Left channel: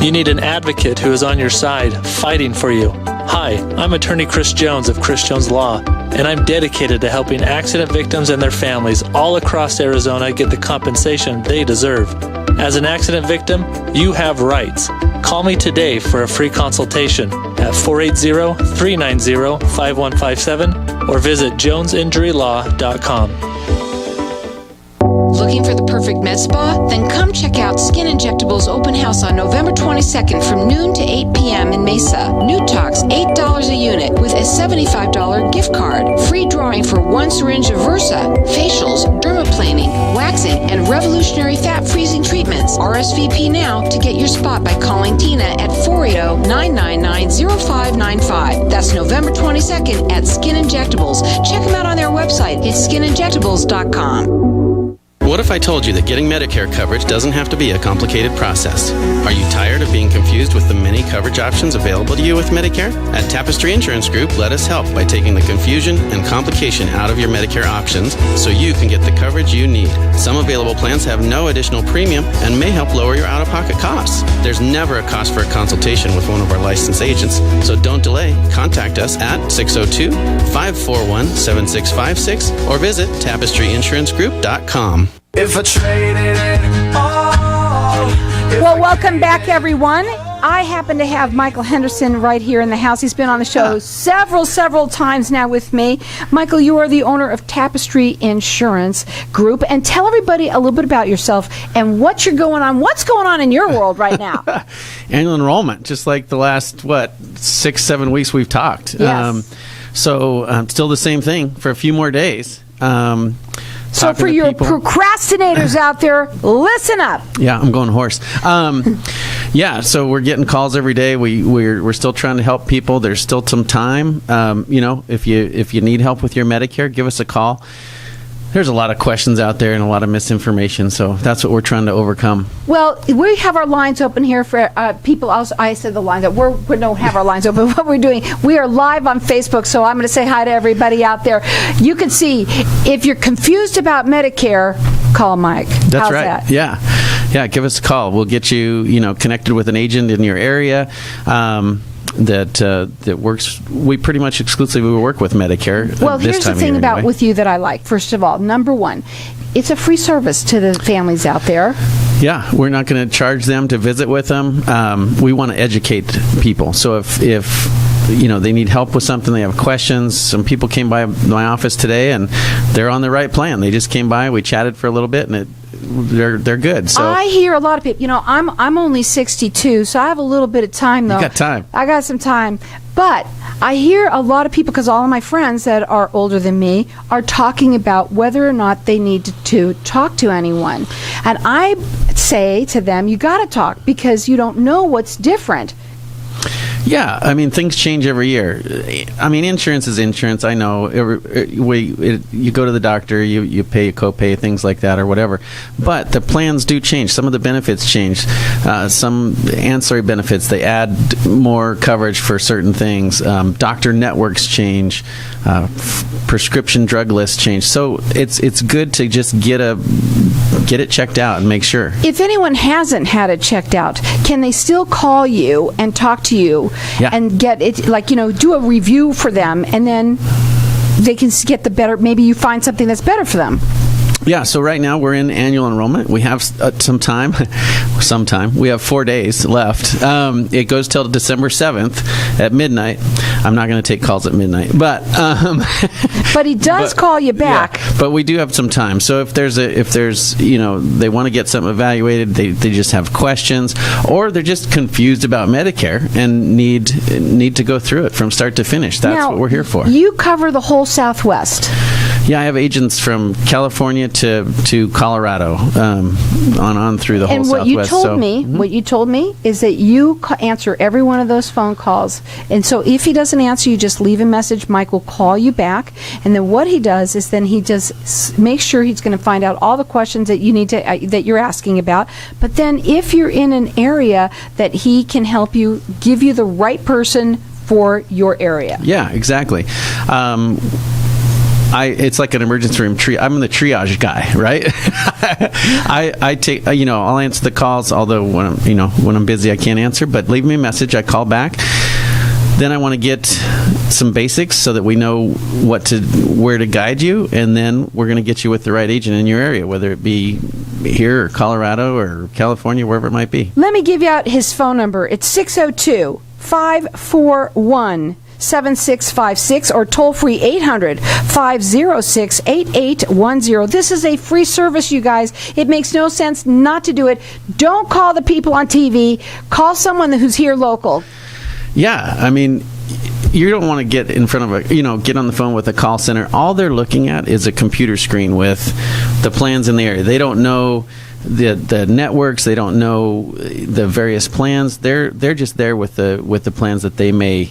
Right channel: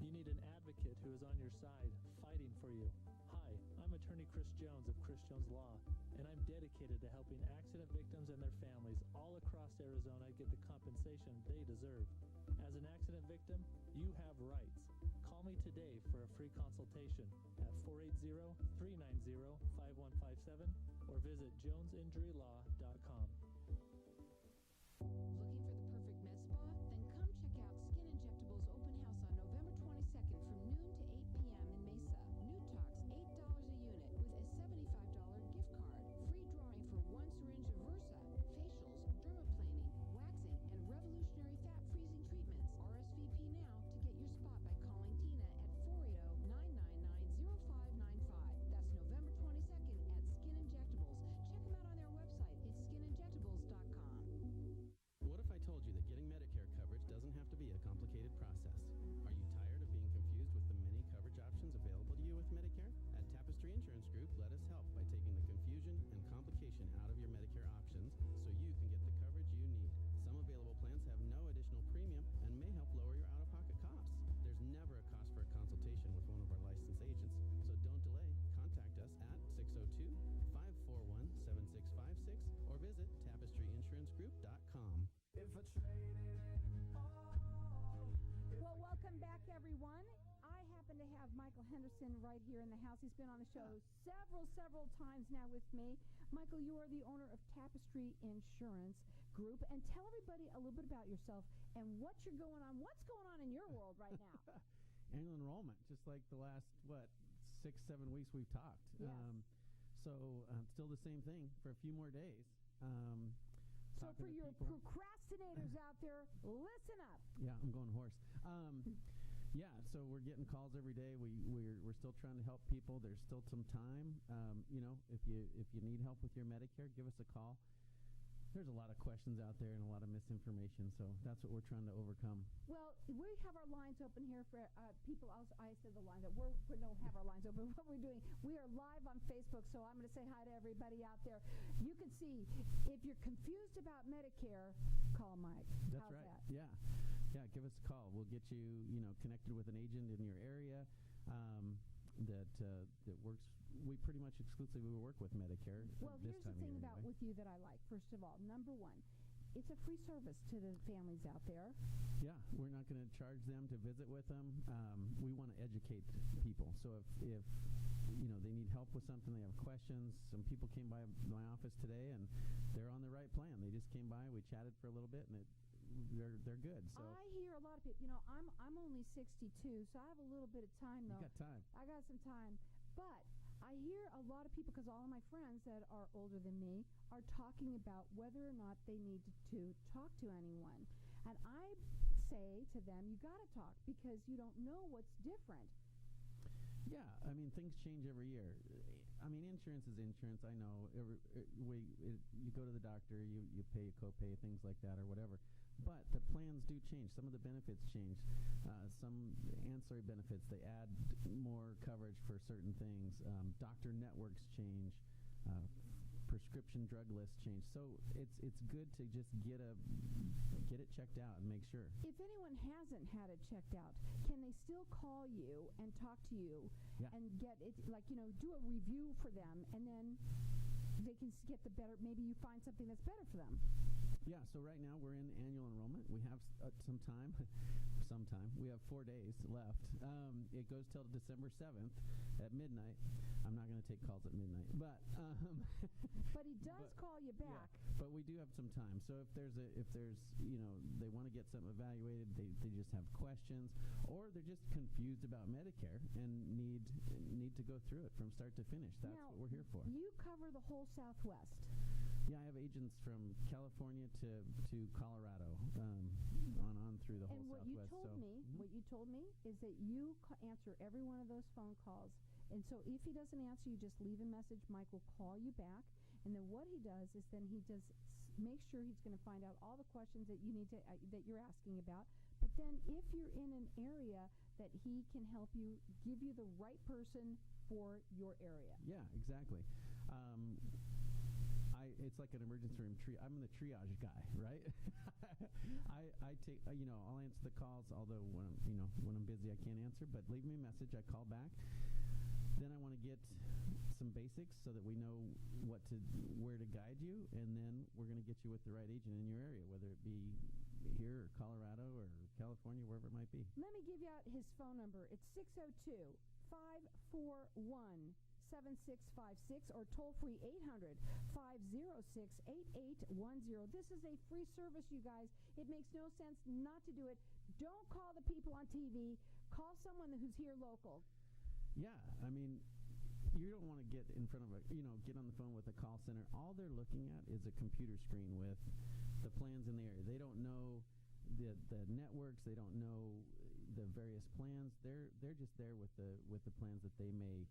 You need an advocate who is on your side, fighting for you. Hi, I'm attorney Chris Jones of Chris Jones Law, and I'm dedicated to helping accident victims and their families all across Arizona get the compensation they deserve. As an accident victim, you have rights. Call me today for a free consultation at 480-390-5157 or visit jonesinjurylaw.com. Looking for the perfect med spa? Then come check out Skin Injectables Open House on November 22nd from noon to 8 p.m. in Mesa. New Tox, $8 a unit with a $75 gift card. Free drawing for 1 syringe of Versa. Facials, dermaplaning, waxing, and revolutionary fat freezing treatments. RSVP now to get your spot by calling Tina at 480-999-0595. That's November 22nd at Skin Injectables. Check them out on their website. It's skininjectables.com. What if I told you that getting Medicare coverage doesn't have to be a complicated process? Are you tired of being confused with the many coverage options available to you with Medicare? At Tapestry Insurance Group, let us help by taking the confusion and complication out of your Medicare options so you can get the coverage you need. Some available plans have no additional premium and may help lower your out-of-pocket costs. There's never a cost for a consultation with one of our licensed agents, so don't delay. Contact us at 602-541-7656 or visit tapestryinsurancegroup.com. If I traded it all. Well, welcome back, everyone. I happen to have Michael Henderson right here in the house. He's been on the show several times now with me. Michael, you are the owner of Tapestry Insurance Group. And tell everybody a little bit about yourself and what's going on in your world right now. Annual enrollment, just like the last, 6-7 weeks we've talked. Yes. So still the same thing for a few more days. So for your procrastinators out there, listen up. Yeah, I'm going hoarse. So we're getting calls every day. We're still trying to help people. There's still some time. If you need help with your Medicare, give us a call. There's a lot of questions out there and a lot of misinformation, so that's what we're trying to overcome. Well, we have our lines open here for people. I said the lines up. We don't have our lines open. What we're doing, we are live on Facebook, so I'm going to say hi to everybody out there. You can see, if you're confused about Medicare, call Mike. That's How's right. That? Yeah, give us a call. We'll get you, connected with an agent in your area. That works. We pretty much exclusively work with Medicare. Well, here's the thing about with you that I like. First of all, number one, it's a free service to the families out there. Yeah, we're not going to charge them to visit with them. We want to educate people. So if they need help with something, they have questions. Some people came by my office today and they're on the right plan. They just came by, we chatted for a little bit, and they're good. So I hear a lot of people. I'm only 62, so I have a little bit of time though. You got time. I got some time, but I hear a lot of people, because all of my friends that are older than me are talking about whether or not they need to talk to anyone, and I say to them, you got to talk because you don't know what's different. Yeah, things change every year. Insurance is insurance. I know. You go to the doctor, you pay a copay, things like that, or whatever. But the plans do change. Some of the benefits change. Some ancillary benefits, they add more coverage for certain things. Doctor networks change. Prescription drug lists change. So it's good to just get it checked out and make sure. If anyone hasn't had it checked out, can they still call you and talk to you and get it, do a review for them, and then they can get the better, maybe you find something that's better for them? Yeah, so right now we're in annual enrollment. We have some time. We have 4 days left. It goes till December 7th at midnight. I'm not going to take calls at midnight, but but he does call you back. Yeah, but we do have some time. So if there's they want to get something evaluated, they just have questions, or they're just confused about Medicare and need to go through it from start to finish. That's what we're here for. You cover the whole Southwest. Yeah, I have agents from California to Colorado, on through the whole Southwest. What you told me is that you answer every one of those phone calls. And so if he doesn't answer, you just leave a message. Mike will call you back. And then what he does is then he just make sure he's going to find out all the questions that you need to that you're asking about. But then if you're in an area that he can help you, give you the right person for your area. Yeah, exactly. it's like an emergency room I'm the triage guy, right? I take, I'll answer the calls, although when I'm busy I can't answer, but leave me a message, I call back. Then I want to get some basics so that we know where to guide you, and then we're going to get you with the right agent in your area, whether it be here or Colorado or California, wherever it might be. Let me give you out his phone number. It's 602-541-7656 or toll free 800-506-8810. This is a free service, you guys. It makes no sense not to do it. Don't call the people on TV. Call someone who's here local. Yeah, I mean, you don't want to get in front of get on the phone with a call center. All they're looking at is a computer screen with the plans in the area. They don't know the networks. They don't know the various plans. They're just there with the plans that they may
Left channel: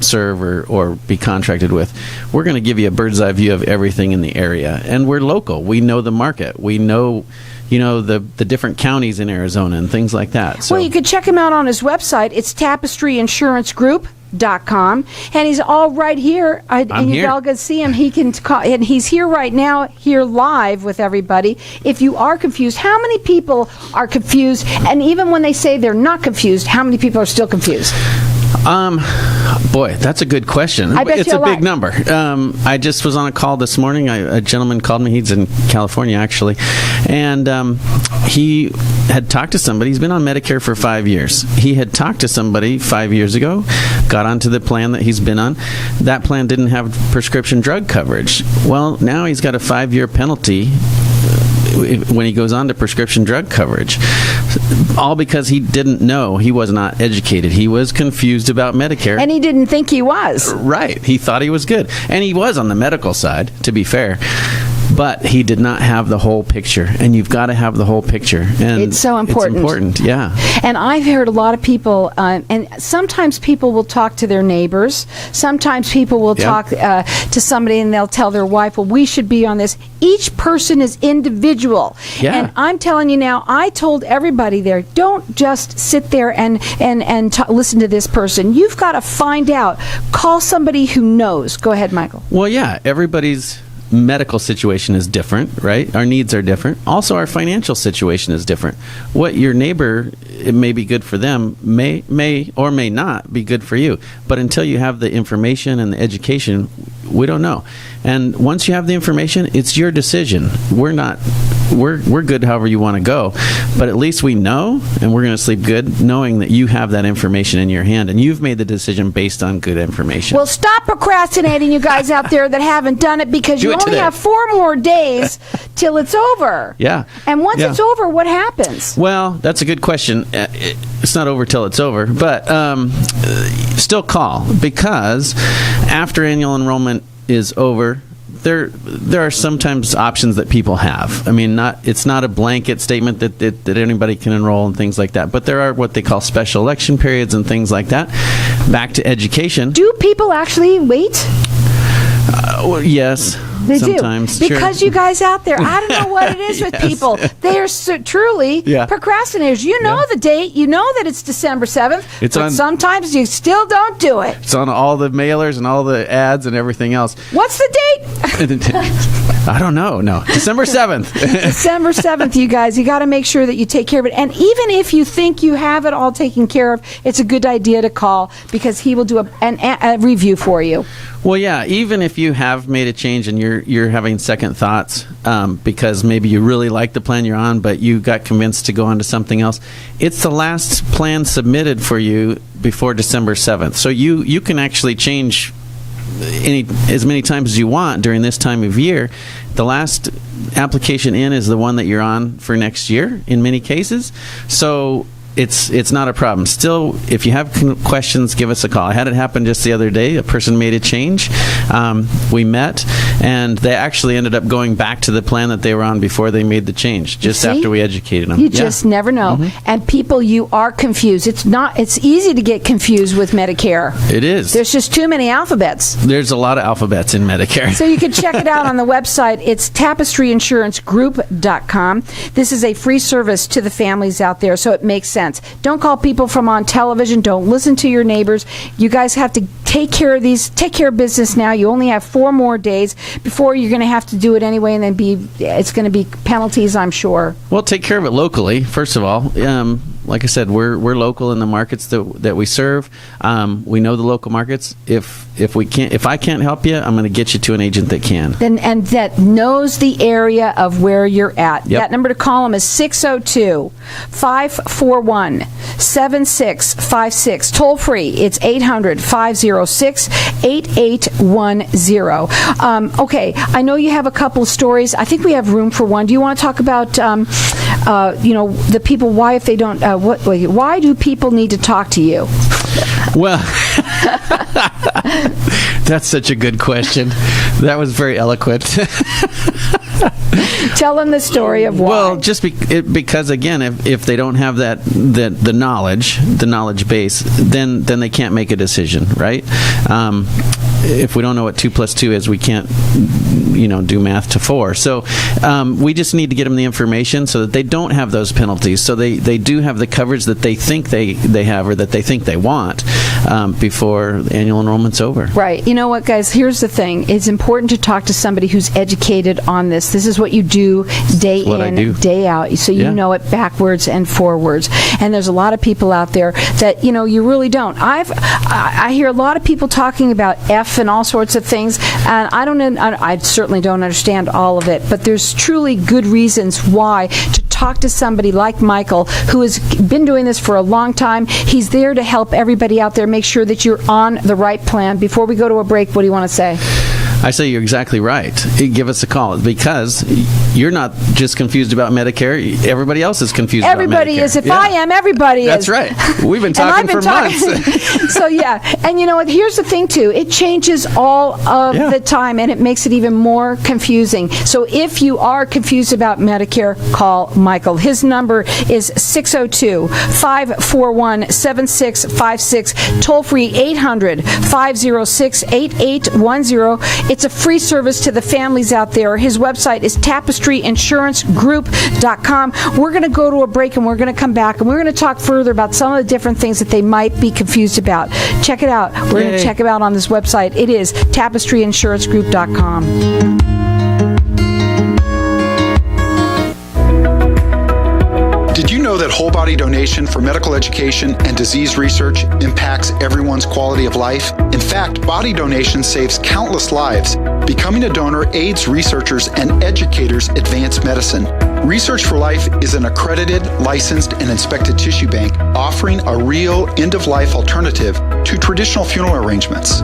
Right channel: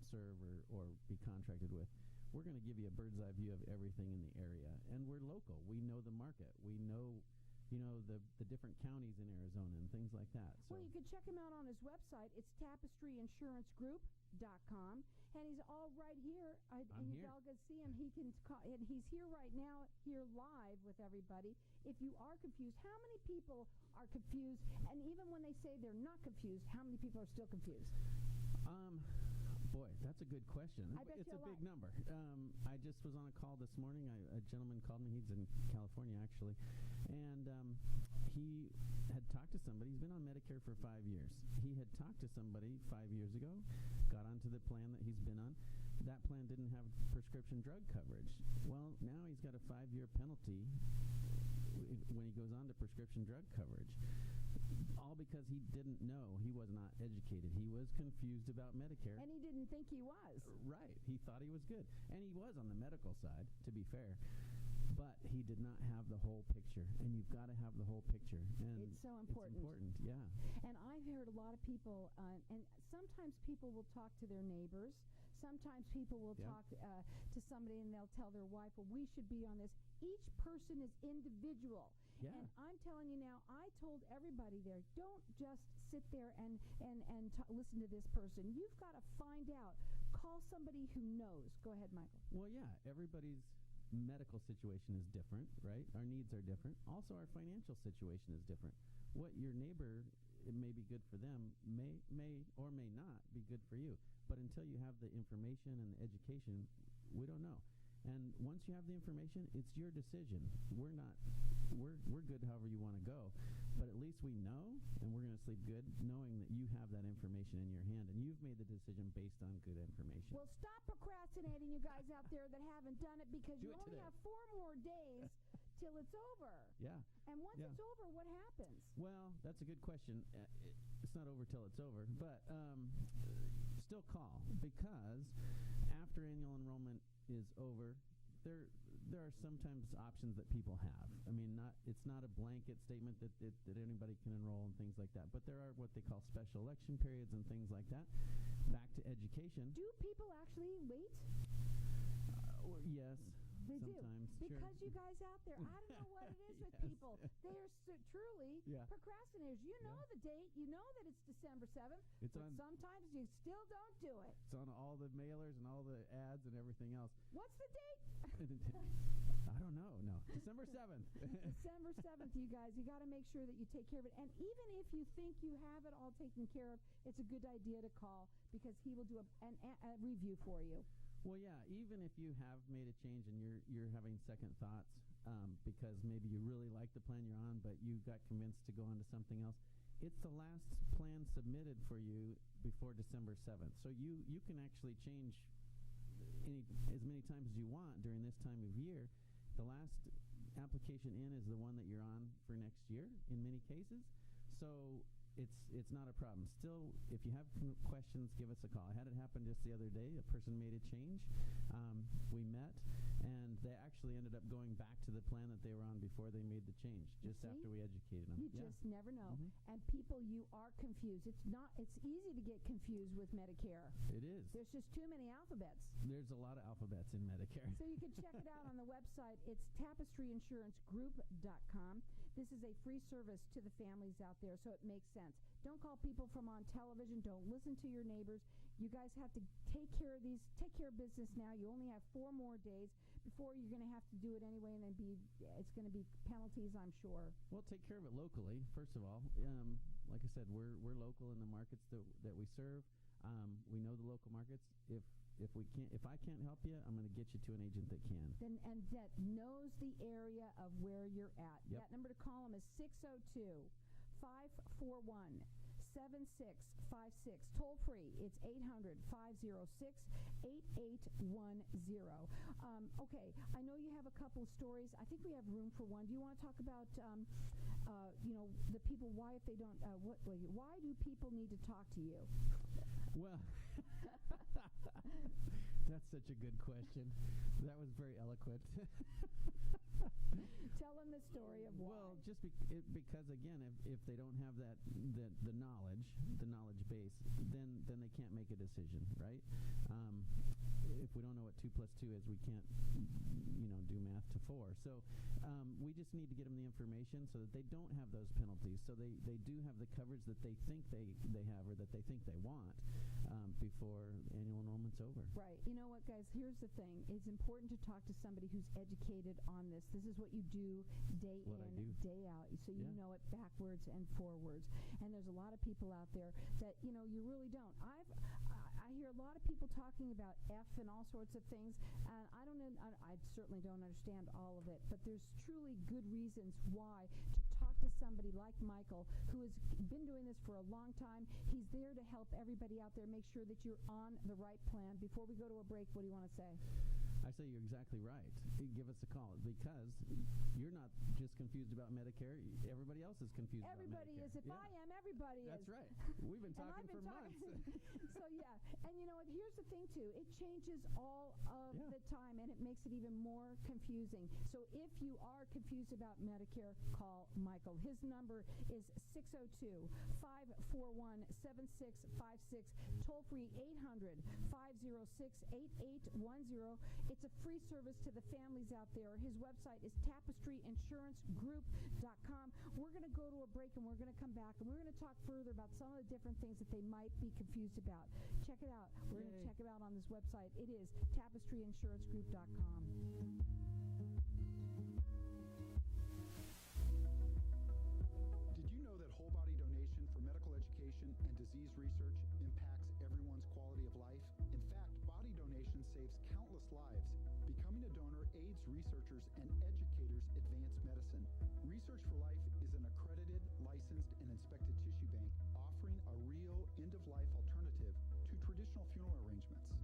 serve or be contracted with. We're going to give you a bird's eye view of everything in the area, and we're local. We know the market. We know the different counties in Arizona and things like that. So. Well, you could check him out on his website. It's tapestryinsuranceGroup.com, and he's all right here. And you all can see him. He can call, and he's here right now, here live with everybody. If you are confused, how many people are confused? And even when they say they're not confused, how many people are still confused? Boy, that's a good question. I bet it's a big number. I just was on a call this morning. A gentleman called me. He's in California, actually. And he had talked to somebody. He's been on Medicare for 5 years. He had talked to somebody 5 years ago, got onto the plan that he's been on. That plan didn't have prescription drug coverage. Well, now he's got a 5-year penalty when he goes on to prescription drug coverage, all because he didn't know. He was not educated. He was confused about Medicare. And he didn't think he was. Right. He thought he was good. And he was on the medical side, to be fair. But he did not have the whole picture, and you've got to have the whole picture. And it's so important. It's important, yeah. And I've heard a lot of people, and sometimes people will talk to their neighbors. Sometimes people will talk to somebody, and they'll tell their wife, well, we should be on this. Each person is individual. Yeah. And I'm telling you now, I told everybody there, don't just sit there and listen to this person. You've got to find out. Call somebody who knows. Go ahead, Michael. Well, yeah, everybody's medical situation is different, right? Our needs are different. Also, our financial situation is different. What your neighbor, it may be good for them, may or may not be good for you. But until you have the information and the education, we don't know. And once you have the information, it's your decision. We're good however you want to go. But at least we know, and we're going to sleep good knowing that you have that information in your hand, and you've made the decision based on good information. Well, stop procrastinating, you guys out there that haven't done it, because you only have 4 more days till it's over. Yeah. And once it's over, what happens? Well, that's a good question. It's not over till it's over, but still call, because after annual enrollment is over, there are sometimes options that people have. I mean, it's not a blanket statement that anybody can enroll and things like that, but there are what they call special election periods and things like that. Back to education. Do people actually wait? Well, yes. They sometimes, do. Because you guys out there, I don't know what it is with people. They are truly procrastinators. You know the date. You know that it's December 7th. But sometimes you still don't do it. It's on all the mailers and all the ads and everything else. What's the date? I don't know. No. December 7th. December 7th, you guys. You got to make sure that you take care of it. And even if you think you have it all taken care of, it's a good idea to call, because he will do a review for you. Well, yeah, even if you have made a change and you're having second thoughts because maybe you really like the plan you're on, but you got convinced to go on to something else, it's the last plan submitted for you before December 7th. So you can actually change as many times as you want during this time of year. The last application in is the one that you're on for next year in many cases. So it's not a problem. Still, if you have questions, give us a call. I had it happen just the other day. A person made a change. We met, and they actually ended up going back to the plan that they were on before they made the change, just after we educated them. You just never know. Mm-hmm. And people, you are confused. It's easy to get confused with Medicare. It is. There's just too many alphabets. There's a lot of alphabets in Medicare. So you can check it out on the website. It's tapestryinsuranceGroup.com. This is a free service to the families out there, so it makes sense. sense. Don't call people from on television. Don't listen to your neighbors. You guys have to take care of business now. You only have 4 more days before you're going to have to do it anyway, and then it's going to be penalties, I'm sure. Well, take care of it locally, first of all. Like I said, we're local in the markets that we serve. We know the local markets. If I can't help you, I'm going to get you to an agent that can. And that knows the area of where you're at. Yep. That number to call them is 602-541-7656. Toll free. It's 800-506-8810. Okay, I know you have a couple of stories. I think we have room for one. Do you want to talk about, the people? Why, if they don't, why do people need to talk to you? Well, that's such a good question. That was very eloquent. Tell them the story of why. Well, just because again, if they don't have the knowledge base, then they can't make a decision, right? If we don't know what 2 + 2 is, we can't, do math to 4. So we just need to get them the information so that they don't have those penalties. So they do have the coverage that they think they have or that they think they want before annual enrollment's over. Right. You know what, guys? Here's the thing. It's important to talk to somebody who's educated on this. This is what you do day in, day out. So you know it backwards and forwards. And there's a lot of people out there that, you really don't. I hear a lot of people talking about F and all sorts of things, and I certainly don't understand all of it, but there's truly good reasons why to talk to somebody like Michael, who has been doing this for a long time. He's there to help everybody out there, make sure that you're on the right plan. Before we go to a break, what do you want to say? I say you're exactly right. Give us a call, because you're not just confused about Medicare. Everybody else is confused about Medicare. Everybody is. If I am, everybody That's is. That's right. We've been talking for months. So, yeah. And you know what? Here's the thing, too. It changes all of the time, and it makes it even more confusing. So if you are confused about Medicare, call Michael. His number is 602-541-7656. Toll free 800-506-8810. It's a free service to the families out there. His website is tapestryinsurancegroup.com. We're going to go to a break, and we're going to come back, and we're going to talk further about some of the different things that they might be confused about. Check it out. We're going to check it out on this website. It is tapestryinsurancegroup.com. Did you know that whole body donation for medical education and disease research impacts everyone's quality of life? In fact, body donation saves countless lives. Becoming a donor aids researchers and educators advance medicine. Research for Life is an accredited, licensed, and inspected tissue bank offering a real end-of-life alternative to traditional funeral arrangements.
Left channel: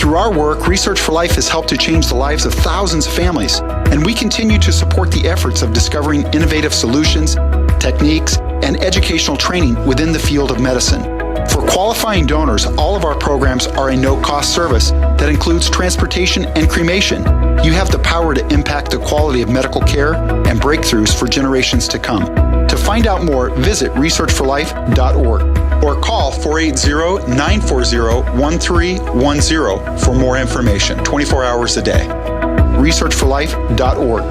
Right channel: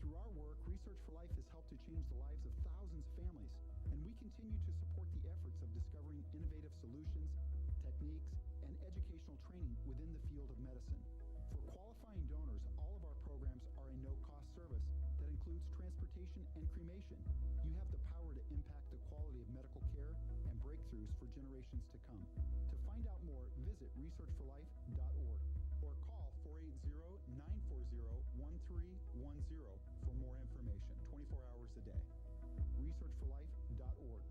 Through our work, Research for Life has helped to change the lives of thousands of families, and we continue to support the efforts of discovering innovative solutions, techniques, and educational training within the field of medicine. For qualifying donors, all of our programs are a no-cost service that includes transportation and cremation. You have the power to impact the quality of medical care and breakthroughs for generations to come. To find out more, visit researchforlife.org or call 480-940-1310 for more information, 24 hours a day. researchforlife.org.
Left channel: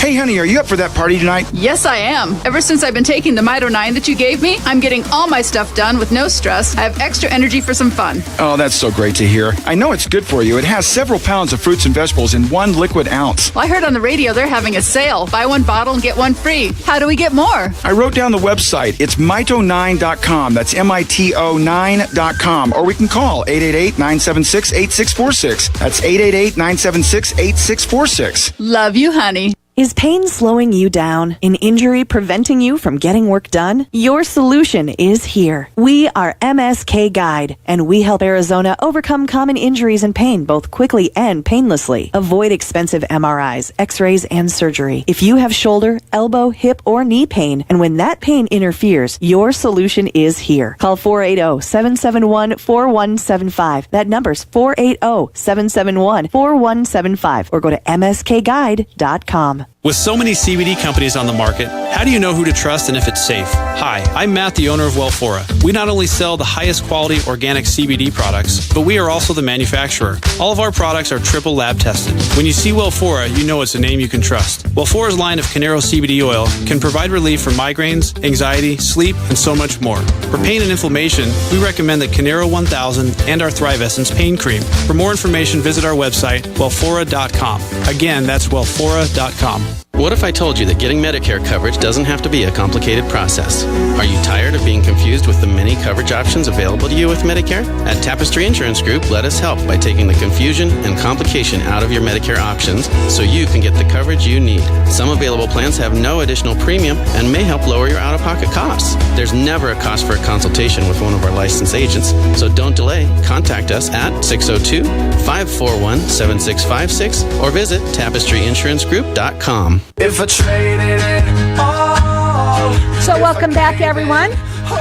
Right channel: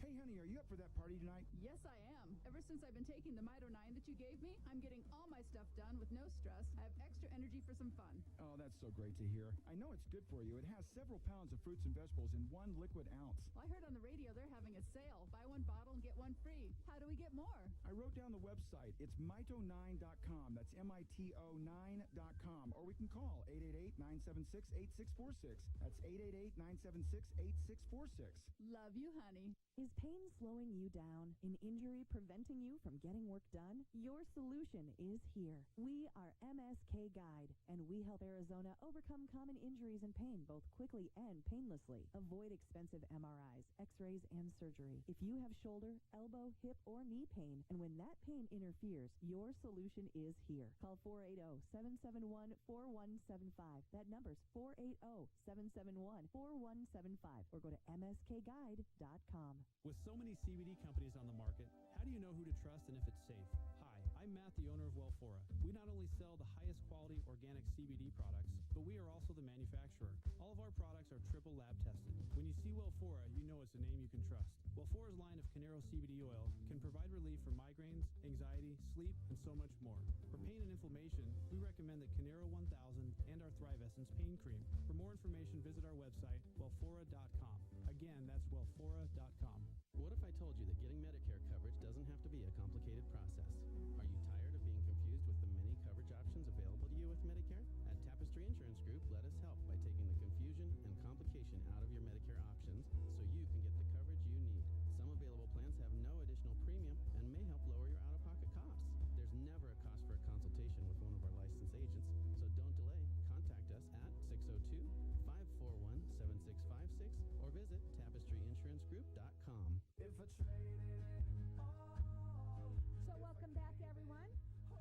Hey, honey, are you up for that party tonight? Yes, I am. Ever since I've been taking the Mito 9 that you gave me, I'm getting all my stuff done with no stress. I have extra energy for some fun. Oh, that's so great to hear. I know it's good for you. It has several pounds of fruits and vegetables in 1 liquid ounce. Well, I heard on the radio they're having a sale. Buy 1 bottle and get 1 free. How do we get more? I wrote down the website. It's mito9.com. That's MITO9.com. Or we can call 888-976-8646. That's 888-976-8646. Love you, honey. Is pain slowing you down? An injury preventing you from getting work done? Your solution is here. We are MSK Guide, and we help Arizona overcome common injuries and pain both quickly and painlessly. Avoid expensive MRIs, x-rays, and surgery. If you have shoulder, elbow, hip, or knee pain, and when that pain interferes, your solution is here. Call 480-771-4175. That number's 480-771-4175, or go to mskguide.com. With so many CBD companies on the market, how do you know who to trust and if it's safe? Hi, I'm Matt, the owner of Wellfora. We not only sell the highest quality organic CBD products, but we are also the manufacturer. All of our products are triple lab tested. When you see Wellfora, you know it's a name you can trust. Wellfora's line of Canero CBD oil can provide relief from migraines, anxiety, sleep, and so much more. For pain and inflammation, we recommend the Canero 1000 and our Thrive Essence Pain Cream. For more information, visit our website, wellfora.com. Again, that's wellfora.com. What if I told you that getting Medicare coverage doesn't have to be a complicated process? Are you tired of being confused with the many coverage options available to you with Medicare? At Tapestry Insurance Group, let us help by taking the confusion and complication out of your Medicare options so you can get the coverage you need. Some available plans have no additional premium and may help lower your out-of-pocket costs. There's never a cost for a consultation with one of our licensed agents, so don't delay. Contact us at 602-541-7656 or visit tapestryinsurancegroup.com. If I traded it all. So welcome back, everyone.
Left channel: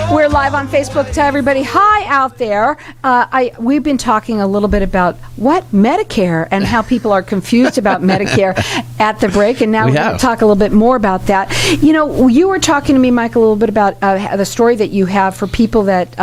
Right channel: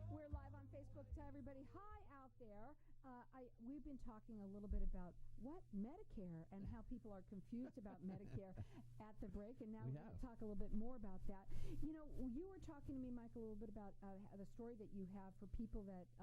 We're live on Facebook to everybody. Hi out there. We've been talking a little bit about what Medicare and how people are confused about Medicare at the break, and now we're going to talk a little bit more about that. You know, you were talking to me, Michael, a little bit about the story that you have for people that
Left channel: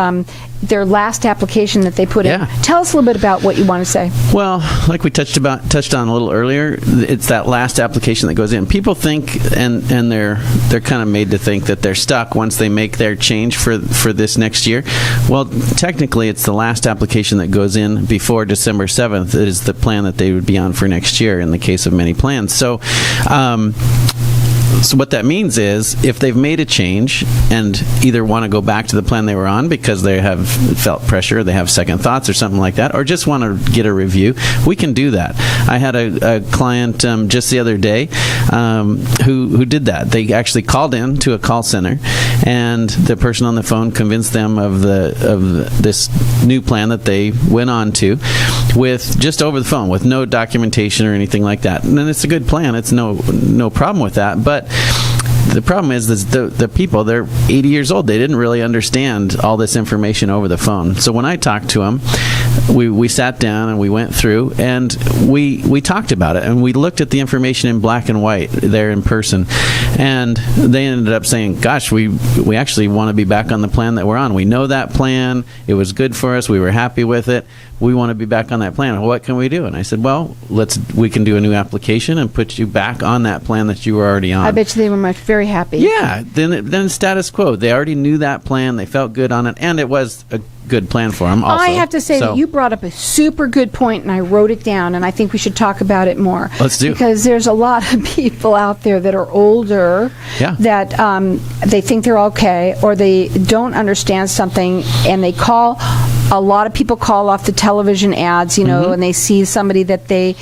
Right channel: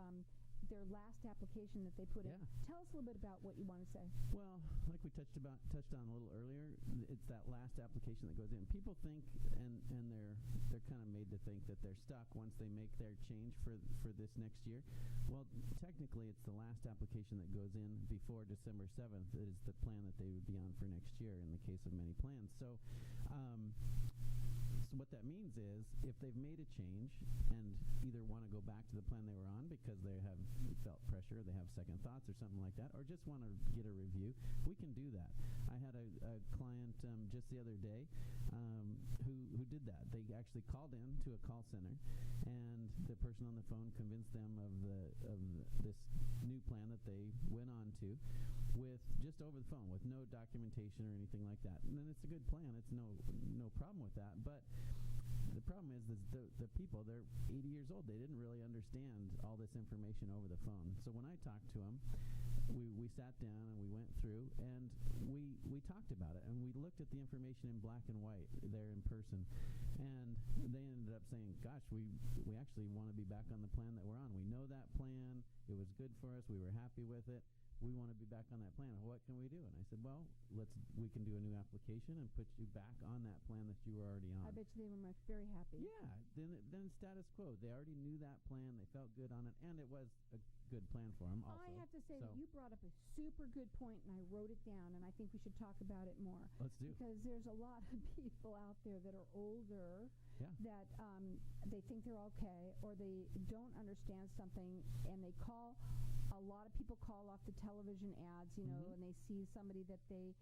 their last application that they put in. Tell us a little bit about what you want to say. Well, like we touched on a little earlier, it's that last application that goes in. People think, and they're kind of made to think that they're stuck once they make their change for this next year. Well, technically, it's the last application that goes in before December 7th. It is the plan that they would be on for next year in the case of many plans. So what that means is if they've made a change and either want to go back to the plan they were on because they have felt pressure, they have second thoughts or something like that, or just want to get a review, we can do that. I had a client just the other day who did that. They actually called in to a call center, and the person on the phone convinced them of this new plan that they went on to with just over the phone with no documentation or anything like that. And then it's a good plan. It's no problem with that. But the problem is the people, they're 80 years old. They didn't really understand all this information over the phone. So when I talked to them, we sat down and we went through and we talked about it, and we looked at the information in black and white there in person. And they ended up saying, gosh, we actually want to be back on the plan that we're on. We know that plan. It was good for us. We were happy with it. We want to be back on that plan. What can we do? And I said, well, we can do a new application and put you back on that plan that you were already on. I bet you they were very happy. Yeah. Then status quo. They already knew that plan. They felt good on it. And it was a good plan for them also. I have to say that you brought up a super good point, and I wrote it down, and I think we should talk about it more. Let's do. Because there's a lot of people out there that are older that they think they're okay, or they don't understand something, and they call. A lot of people call off the television ads, and they see somebody that they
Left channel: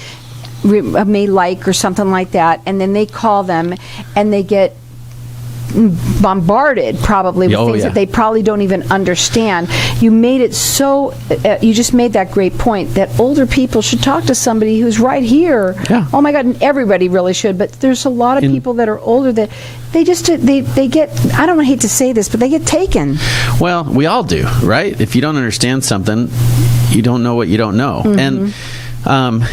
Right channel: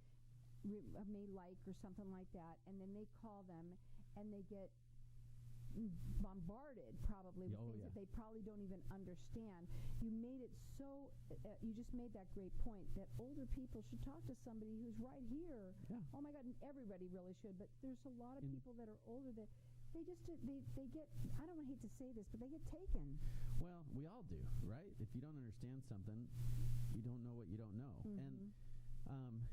may like or something like that, and then they call them, and they get bombarded probably with things that they probably don't even understand. You made it so you just made that great point that older people should talk to somebody who's right here. Oh my God, and everybody really should, but there's a lot of people that are older that they just they get, I don't hate to say this, but they get taken. Well, we all do, right? If you don't understand something, you don't know what you don't know. And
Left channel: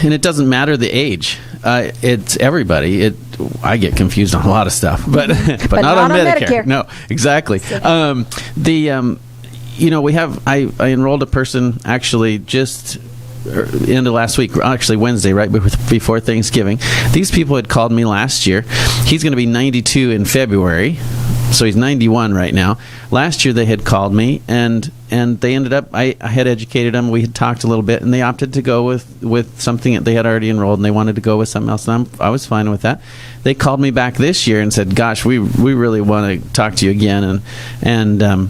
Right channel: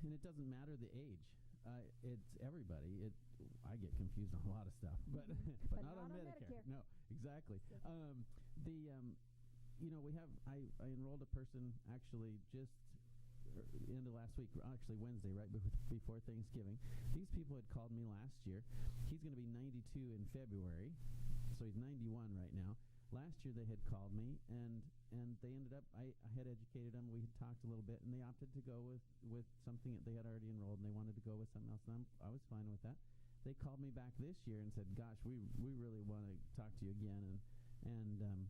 it doesn't matter the age. It's everybody. I get confused on a lot of stuff, but not on Medicare. No, exactly. We have. I enrolled a person actually just end of last week, actually Wednesday, right before Thanksgiving. These people had called me last year. He's going to be 92 in February. So he's 91 right now. Last year they had called me, and they ended up, I had educated them, we had talked a little bit, and they opted to go with something that they had already enrolled, and they wanted to go with something else, and I was fine with that. They called me back this year and said, gosh, we really want to talk to you again, and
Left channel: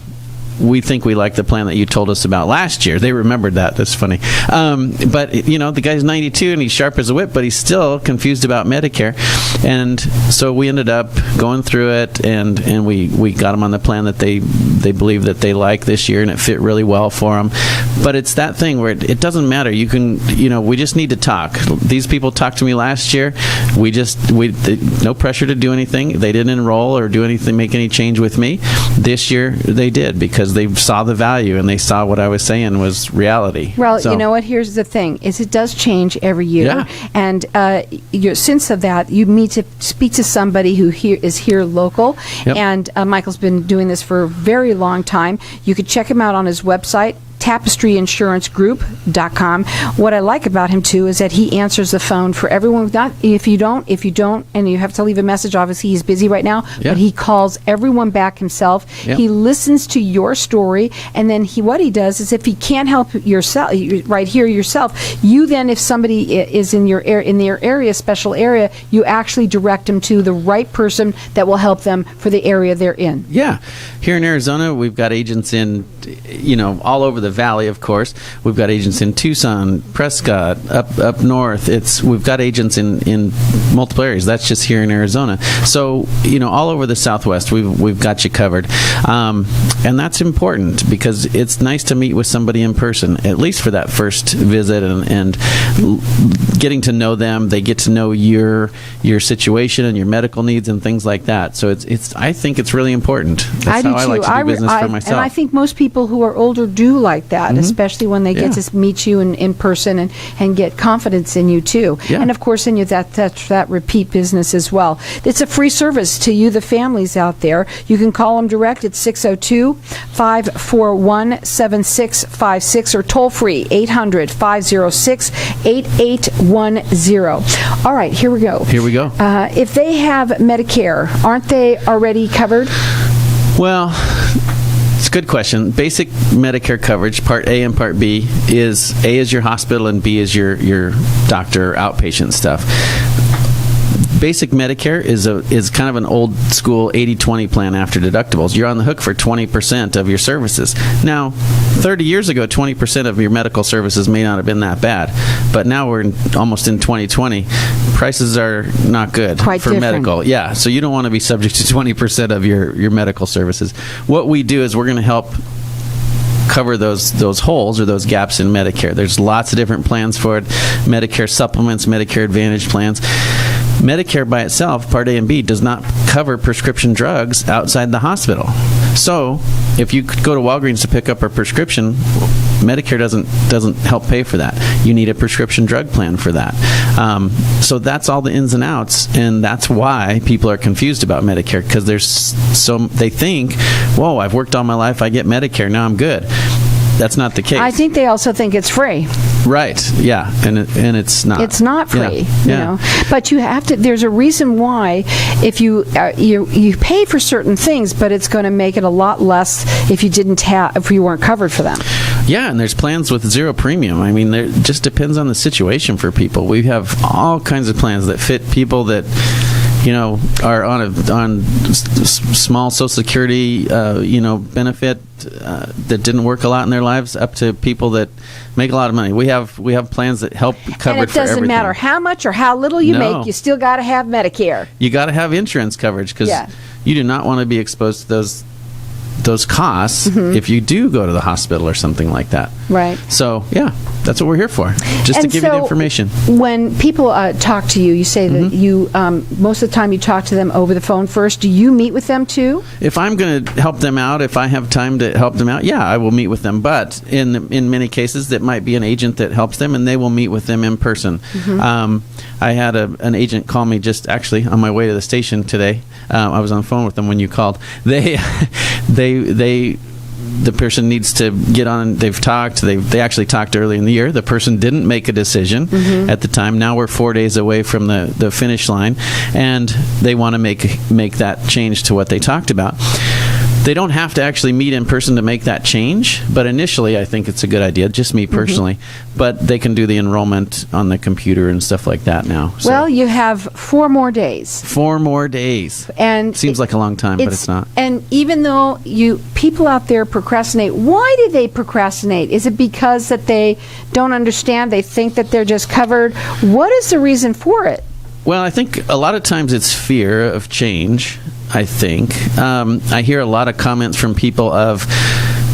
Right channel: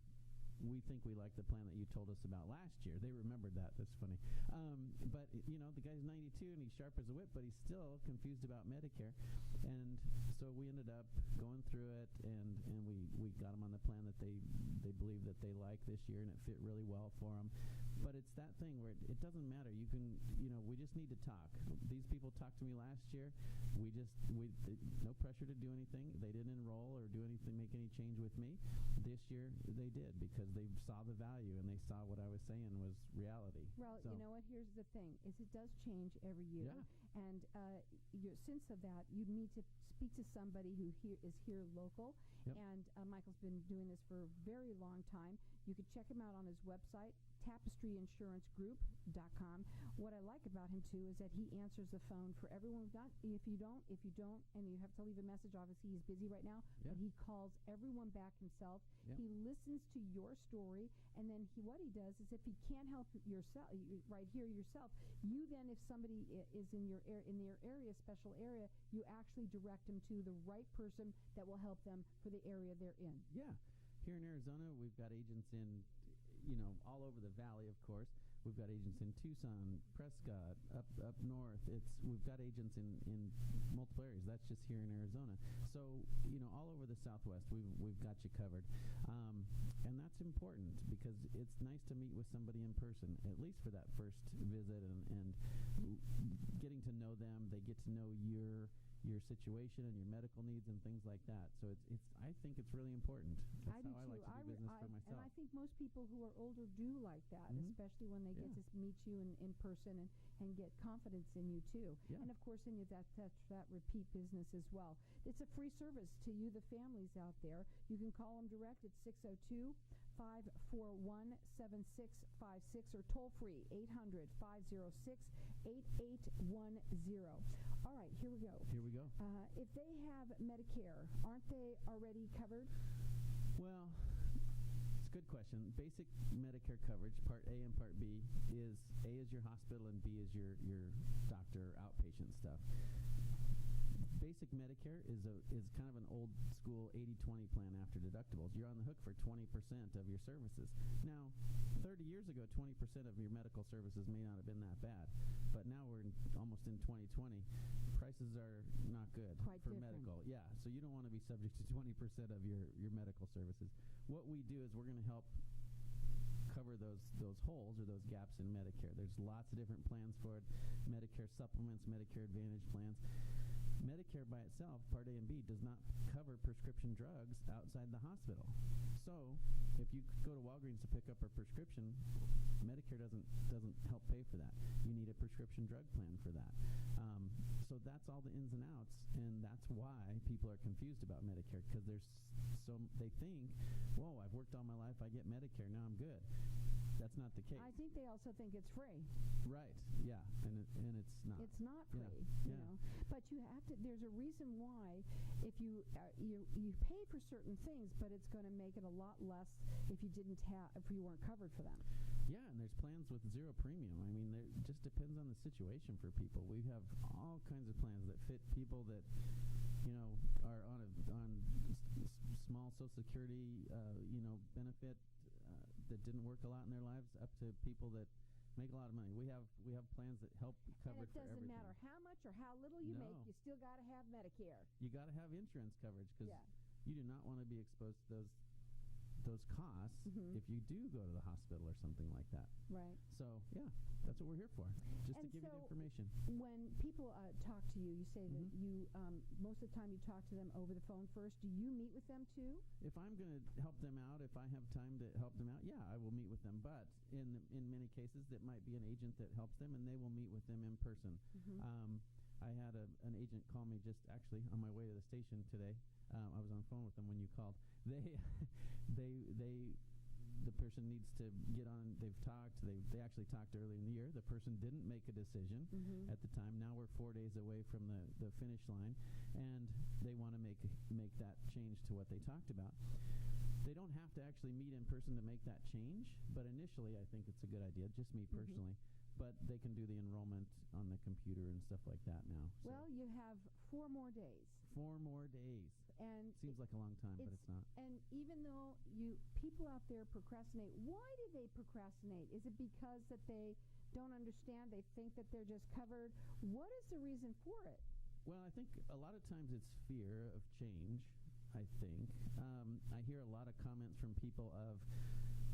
we think we like the plan that you told us about last year. They remembered that. That's funny. But, the guy's 92 and he's sharp as a whip, but he's still confused about Medicare. And so we ended up going through it, and we got him on the plan that they believe that they like this year, and it fit really well for them. But it's that thing where it doesn't matter. You can, we just need to talk. These people talked to me last year. No pressure to do anything. They didn't enroll or do anything, make any change with me. This year they did, because they saw the value and they saw what I was saying was reality. Well, you know what? Here's the thing: is it does change every year, and since of that, need to speak to somebody who is here local. Yep. And Michael's been doing this for a very long time. You could check him out on his website, TapestryInsuranceGroup.com. What I like about him too is that he answers the phone for everyone. Not if you don't, and you have to leave a message. Obviously, he's busy right now, but he calls everyone back himself. Yep. He listens to your story, and then what he does is, if he can't help yourself right here yourself, you then, if somebody is in your area, special area, you actually direct them to the right person that will help them for the area they're in. Yeah. Here in Arizona, we've got agents in, all over the valley, of course. We've got agents in Tucson, Prescott, up north. We've got agents in multiple areas. That's just here in Arizona. So, all over the Southwest, we've got you covered. And that's important because it's nice to meet with somebody in person, at least for that first visit, and getting to know them. They get to know your situation and your medical needs and things like that. So I think it's really important. That's how I like to do business for myself. And I think most people who are older do like that, especially when they get to meet you in person and get confidence in you too. Yeah. And of course in you that repeat business as well. It's a free service to you, the families out there. You can call them direct at 602-541-7656 or toll free 800-506-8810. All right, here we go. If they have Medicare, aren't they already covered? Well, it's a good question. Basic Medicare coverage, Part A and Part B, is A is your hospital and B is your doctor outpatient stuff. Basic Medicare is kind of an old school 80-20 plan after deductibles. You're on the hook for 20% of your services. Now, 30 years ago, 20% of your medical services may not have been that bad, but now we're almost in 2020. Prices are not good for different. Medical. Yeah, so you don't want to be subject to 20% of your medical services. What we do is we're going to help cover those holes or those gaps in Medicare. There's lots of different plans for it. Medicare supplements, Medicare Advantage plans. Medicare by itself, Part A and B, does not cover prescription drugs outside the hospital. So if you go to Walgreens to pick up a prescription, Medicare doesn't help pay for that. You need a prescription drug plan for that. So that's all the ins and outs, and that's why people are confused about Medicare, because they think, whoa, I've worked all my life, I get Medicare, now I'm good. That's not the case. I think they also think it's free. Right. Yeah, and it's not. It's not free. Yeah. But you have to. There's a reason why. If you pay for certain things, but it's going to make it a lot less if you weren't covered for them. Yeah, and there's plans with zero premium. I mean, it just depends on the situation for people. We have all kinds of plans that fit people that are on small Social Security, benefit that didn't work a lot in their lives, up to people that make a lot of money. We have plans that help cover it for everything. And it doesn't matter how much or how little you make, you still got to have Medicare. You got to have insurance coverage because you do not want to be exposed to those costs if you do go to the hospital or something like that. Right. So, yeah, that's what we're here for, just to give you the information. When people talk to you, you say that you, most of the time you talk to them over the phone first. Do you meet with them too? If I'm going to help them out, if I have time to help them out, I will meet with them. But in many cases, that might be an agent that helps them, and they will meet with them in person. I had an agent call me just actually on my way to the station today. I was on the phone with them when you called. The person needs to get on. They've talked. They actually talked early in the year. The person didn't make a decision at the time. Now we're 4 days away from the finish line, and they want to make that change to what they talked about. They don't have to actually meet in person to make that change, but initially I think it's a good idea, just me personally. But they can do the enrollment on the computer and stuff like that now. So. Well, you have 4 more days. 4 more days. And seems like a long time, but it's not. And even though people out there procrastinate, why do they procrastinate? Is it because that they don't understand, they think that they're just covered? What is the reason for it? Well, I think a lot of times it's fear of change. I think. I hear a lot of comments from people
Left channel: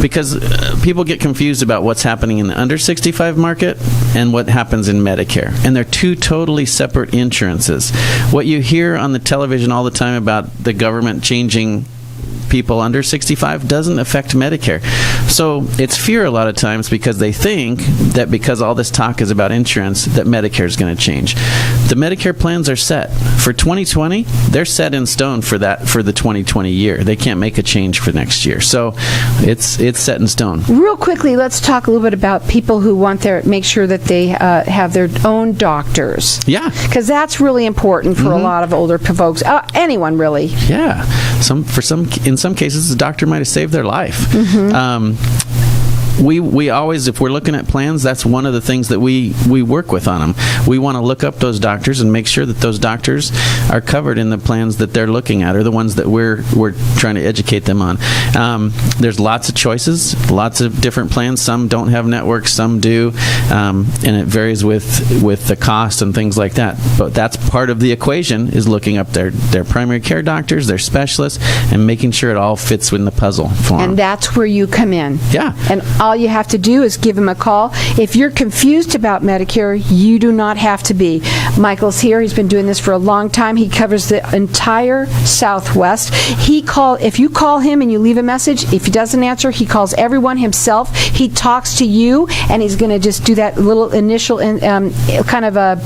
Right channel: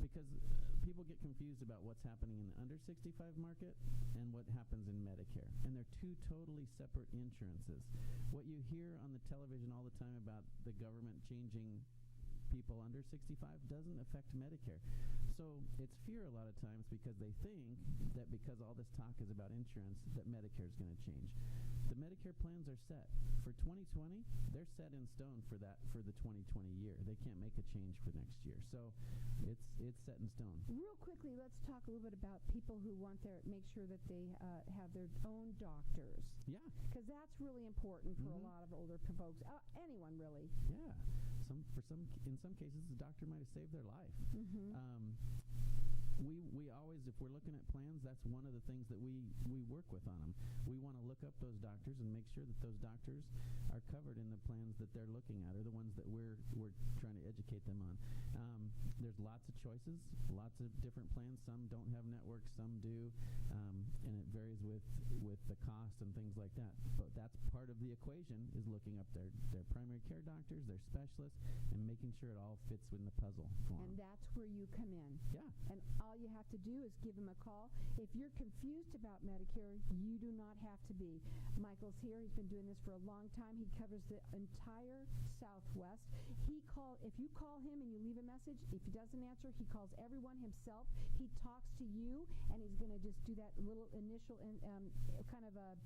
because people get confused about what's happening in the under 65 market and what happens in Medicare. And they're two totally separate insurances. What you hear on the television all the time about the government changing people under 65 doesn't affect Medicare. So it's fear a lot of times because they think that because all this talk is about insurance that Medicare is going to change. The Medicare plans are set. For 2020, they're set in stone for the 2020 year. They can't make a change for next year. So it's set in stone. Real quickly, let's talk a little bit about people who want make sure that they have their own doctors. Yeah. Because that's really important for a lot of older folks. Anyone, really. Yeah. In some cases, the doctor might have saved their life. We always, if we're looking at plans, that's one of the things that we work with on them. We want to look up those doctors and make sure that those doctors are covered in the plans that they're looking at, or the ones that we're trying to educate them on. There's lots of choices, lots of different plans. Some don't have networks, some do, and it varies with the cost and things like that. But that's part of the equation, is looking up their primary care doctors, their specialists, and making sure it all fits in the puzzle for them. And that's where you come in. Yeah. And all you have to do is give him a call. If you're confused about Medicare, you do not have to be. Michael's here. He's been doing this for a long time. He covers the entire Southwest. If you call him and you leave a message, if he doesn't answer, he calls everyone himself. He talks to you, and he's going to just do that little initial kind of a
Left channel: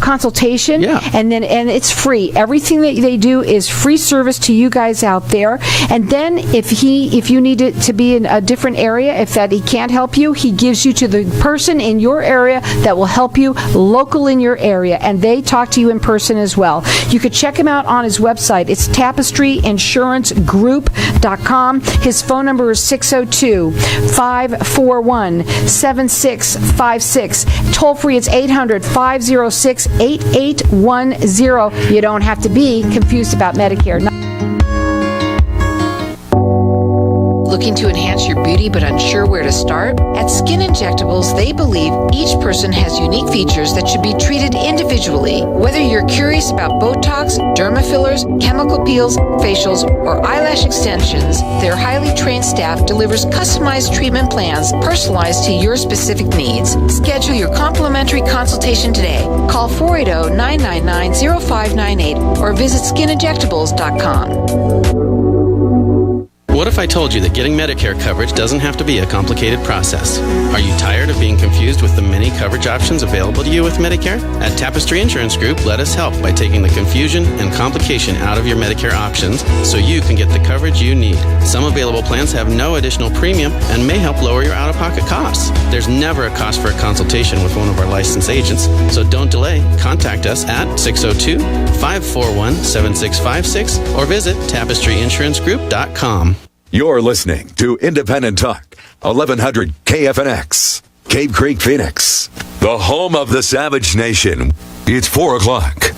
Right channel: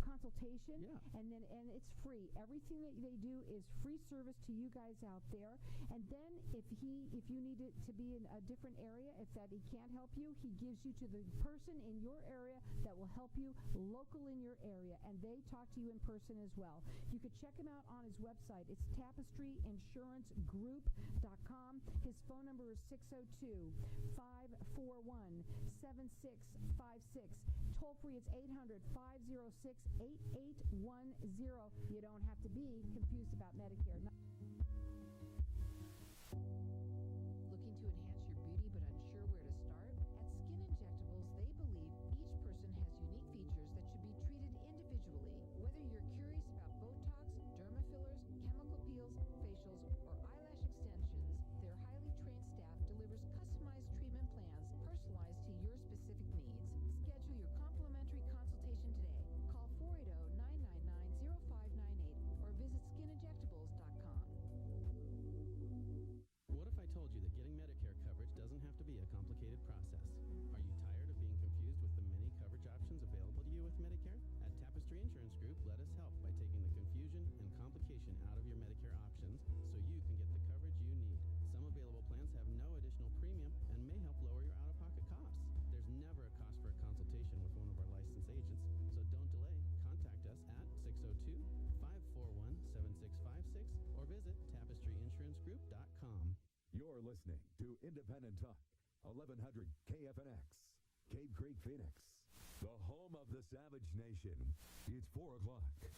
consultation. Yeah. And it's free. Everything that they do is free service to you guys out there. And then if you need it to be in a different area, if that he can't help you, he gives you to the person in your area that will help you local in your area, and they talk to you in person as well. You could check him out on his website. It's tapestryinsurancegroup.com. His phone number is 602-541-7656. Toll free, it's 800-506-8810. You don't have to be confused about Medicare. Looking to enhance your beauty but unsure where to start? At Skin Injectables, they believe each person has unique features that should be treated individually. Whether you're curious about Botox, derma fillers, chemical peels, facials, or eyelash extensions, their highly trained staff delivers customized treatment plans personalized to your specific needs. Schedule your complimentary consultation today. Call 480-999-0598 or visit skininjectables.com. What if I told you that getting Medicare coverage doesn't have to be a complicated process? Are you tired of being confused with the many coverage options available to you with Medicare? At Tapestry Insurance Group, let us help by taking the confusion and complication out of your Medicare options so you can get the coverage you need. Some available plans have no additional premium and may help lower your out-of-pocket costs. There's never a cost for a consultation with one of our licensed agents, so don't delay. Contact us at 602-541-7656 or visit tapestryinsurancegroup.com. You're listening to Independent Talk, 1100 KFNX, Cave Creek, Phoenix, the home of the Savage Nation. It's 4 o'clock.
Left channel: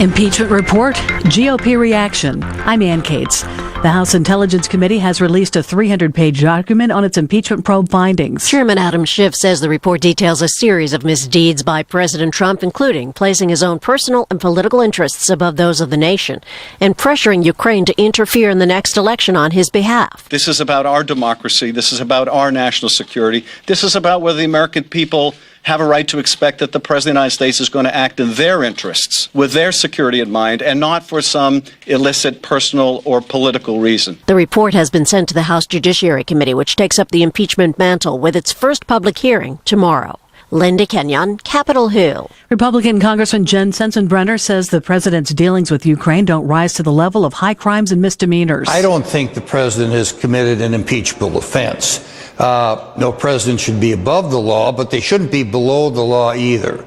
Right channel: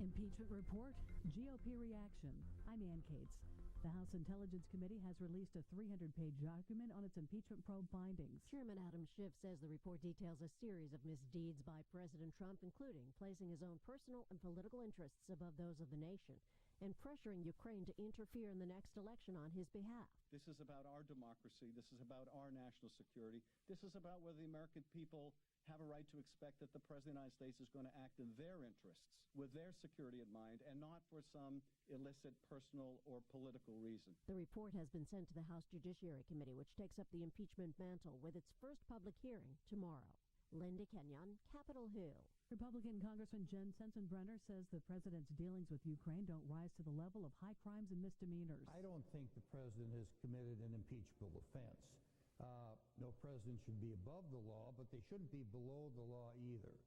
Impeachment report, GOP reaction. I'm Ann Cates. The House Intelligence Committee has released a 300-page document on its impeachment probe findings. Chairman Adam Schiff says the report details a series of misdeeds by President Trump, including placing his own personal and political interests above those of the nation and pressuring Ukraine to interfere in the next election on his behalf. This is about our democracy. This is about our national security. This is about whether the American people have a right to expect that the President of the United States is going to act in their interests, with their security in mind, and not for some illicit personal or political reason. The report has been sent to the House Judiciary Committee, which takes up the impeachment mantle with its first public hearing tomorrow. Linda Kenyon, Capitol Hill. Republican Congressman Jen Sensenbrenner says the president's dealings with Ukraine don't rise to the level of high crimes and misdemeanors. I don't think the president has committed an impeachable offense. No president should be above the law, but they shouldn't be below the law either.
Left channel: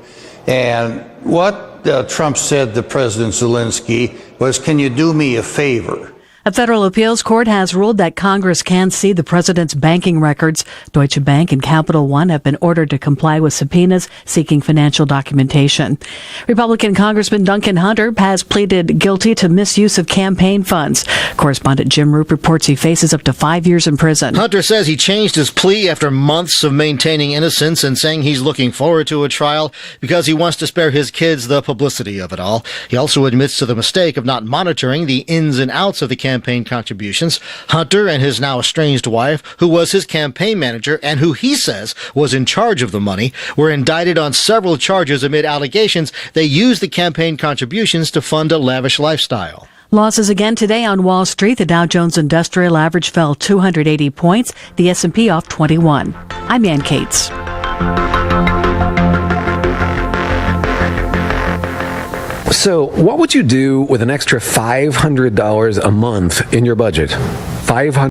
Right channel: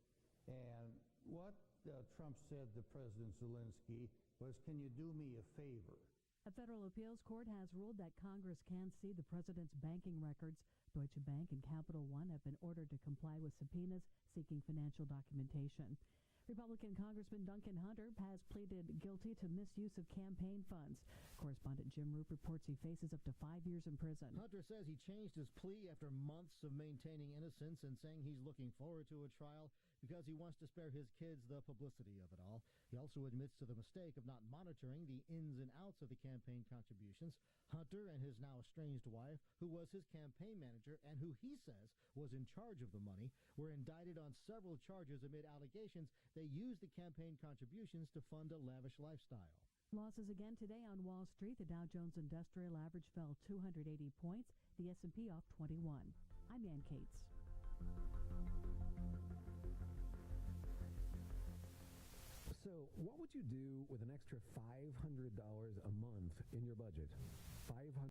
And what Trump said to President Zelensky was, "Can you do me a favor?" A federal appeals court has ruled that Congress can see the president's banking records. Deutsche Bank and Capital One have been ordered to comply with subpoenas seeking financial documentation. Republican Congressman Duncan Hunter has pleaded guilty to misuse of campaign funds. Correspondent Jim Roop reports he faces up to 5 years in prison. Hunter says he changed his plea after months of maintaining innocence and saying he's looking forward to a trial because he wants to spare his kids the publicity of it all. He also admits to the mistake of not monitoring the ins and outs of the campaign contributions. Hunter and his now estranged wife, who was his campaign manager and who he says was in charge of the money, were indicted on several charges amid allegations they used the campaign contributions to fund a lavish lifestyle. Losses again today on Wall Street. The Dow Jones Industrial Average fell 280 points. The S&P off 21. I'm Ann Cates. So, what would you do with an extra $500 a month in your budget? $500